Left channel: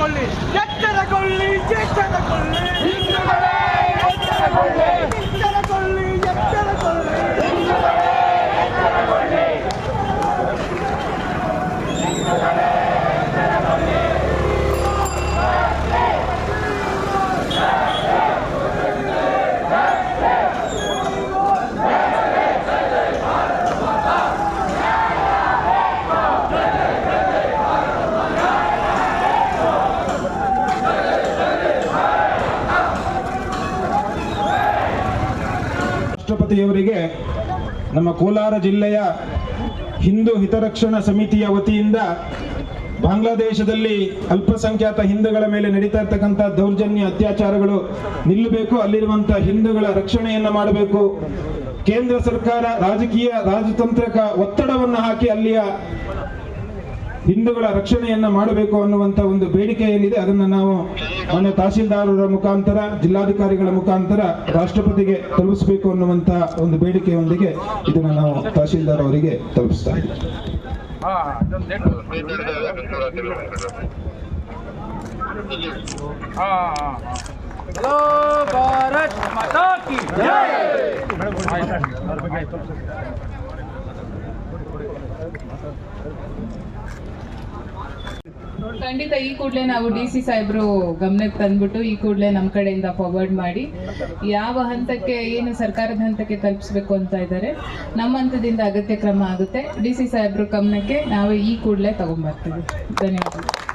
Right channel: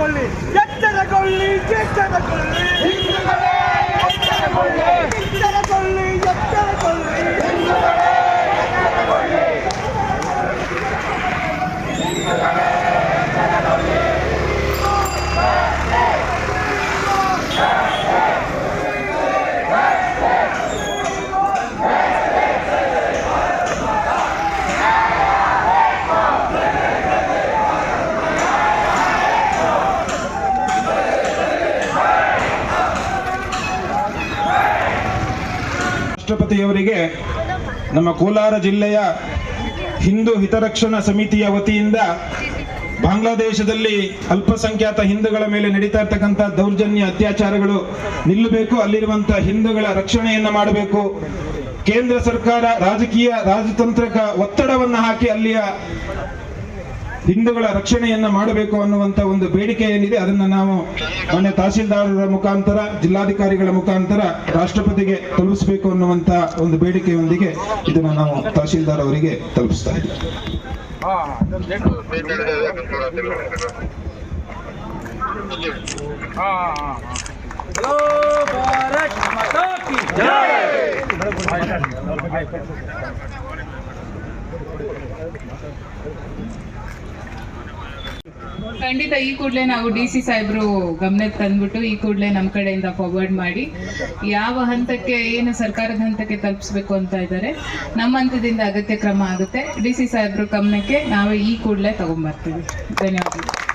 ಎಚ್ಚರಗೊಳ್ಳಿ ಎಚ್ಚರಗೊಳ್ಳಿ ಎಚ್ಚರಗೊಳ್ಳಿ ಎಚ್ಚರಗೊಳ್ಳಿ ಎಚ್ಚರಗೊಳ್ಳಿ ರಾಷ್ಟ್ರಪತಿಯವರಿಗೆ ನಮ್ಮ ಕೋಲಾರ ಜಿಲ್ಲೆಯ ಹಿಂದೂ ಹಿತರಕ್ಷಣಾ ಸಮಿತಿಯ ವತಿಯಿಂದ ಬಾಂಗ್ಲಾದೇಶದಲ್ಲಿ ಅಲ್ಪಸಂಖ್ಯಾತ ಹಿಂದೂಗಳ ಮೇಲೆ ನಡೀತಾ ಇರ್ತಕ್ಕಂಥ ದೌರ್ಜನ್ಯ ಅತ್ಯಾಚಾರಗಳು ನಿಲ್ಲಬೇಕು, ಅಲ್ಲಿರುವಂತಹ ಹಿಂದೂಗಳ ರಕ್ಷಣೆಯನ್ನು ಮಾಡಬೇಕು, ಕೇಂದ್ರ ಸರ್ಕಾರ ರಾಜಕೀಯ ರಾಜತಾಂತ್ರಿಕ ಒತ್ತಡವನ್ನು ಹಾಕಿ ಅಲ್ಲಿಯ ಹಿಂದೂಗಳ ರಕ್ಷಣೆಯನ್ನ ಮಾಡಬೇಕು ಅನ್ನುವಂತ ಒಂದು ಬೇಡಿಕೆ ಏನಿದೆ ಅದನ್ನು ನಾವು ಮಾನ್ಯ ತಹಸೀಲ್ದಾರರ ಮುಖಾಂತರ ಜಿಲ್ಲಾಧಿಕಾರಿಗಳ ಮುಖಾಂತರ ರಾಷ್ಟ್ರಪತಿಗೆ ತಲುಪಿಸಬೇಕು ಅನ್ನುವಂತ ಒಂದು ಬೇಡಿಕೆಯೊಂದಿಗೆ ಇದನ್ನು ನಾವು ತಹಸೀಲ್ದಾರ್ ಅವರಿಗೆ ತಲುಪಿಸ್ತಾ ಇದ್ದೀವಿ. ಖಂಡಿತ ಈ ಕೂಡಲೇ ನಾವು DC ಸಾಹೇಬ್ರು ಗಮನಕ್ಕೆ ತಂದ್ಬಿಟ್ಟು ಈ ಕೂಡಲೇ ನಮ್ಮ ಕಡೆಯಿಂದ ಫಾರ್ವರ್ಡ್ ಮಾಡಿ ಯಾವ ಹಂತಕ್ಕೆ ಏನು ಸರ್ಕಾರದ ಹಂತಕ್ಕೆ ತಲುಪಿಸ್ಬೇಕು ಅಂತ ಇದ್ದಾರೆ ನಮ್ಮ ಹಂತದಿಂದ ಅಗತ್ಯ ಕ್ರಮ ಆಗುತ್ತೆ. DC ಸಾಹೇಬ್ರು ಗಮನಕ್ಕೆ ನಾವು ಈ ಕೂಡಲೇ ತಗೊಂಡ್ಬರ್ತೀವಿ. ಧನ್ಯವಾದಗಳು.